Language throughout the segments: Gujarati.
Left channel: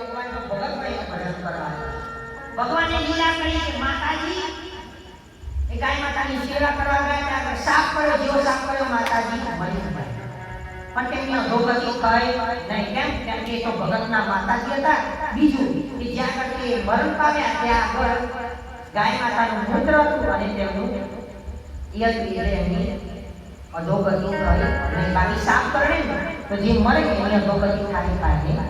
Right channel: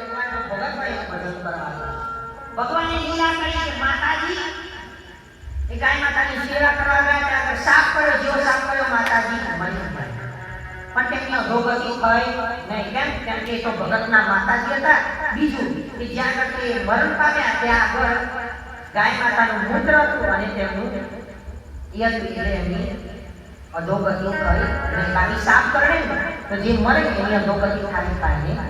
ભગવાનનો ભગત હોય ભજન કરવાનું. ભગવાને લીલા કરી કે માતાજી એ ગાય માતાની સેવા કરવા ગયા ત્યાં સાફ કર્યો જેવો સાફ કર્યો માતાજી ગયા પણ તેમની નહીં કેમ કેમ કે એ તો ભગતના માતાજી હતા બીજું કે જ્યાં તે મરણ પામ્યા ત્યાં આગળ ગાય માતાનું મૂત્ર હતું અને તેમનું યજ્ઞ એટલે એમની અધોગતિ થઈ અને બાકી સાફ કરે તો જે મરે એની અધોગતિ થાય થાય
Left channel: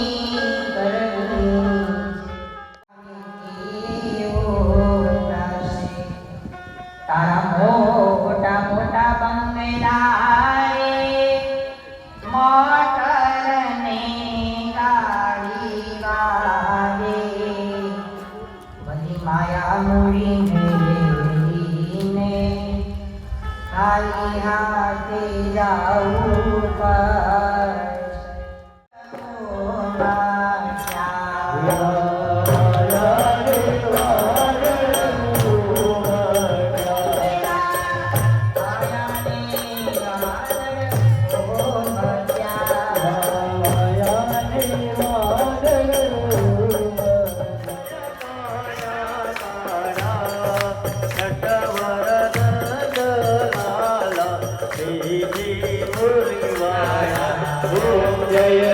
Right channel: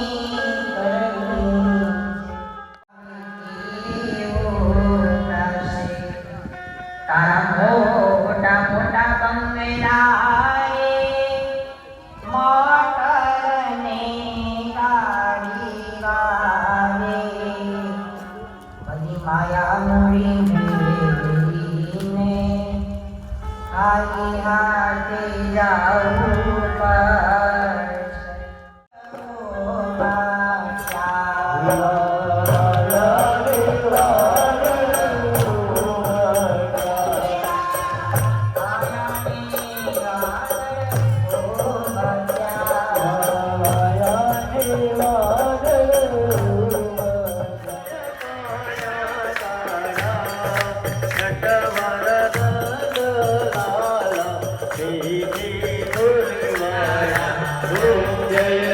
નિહાળતી જાઉં. Yeah, yeah.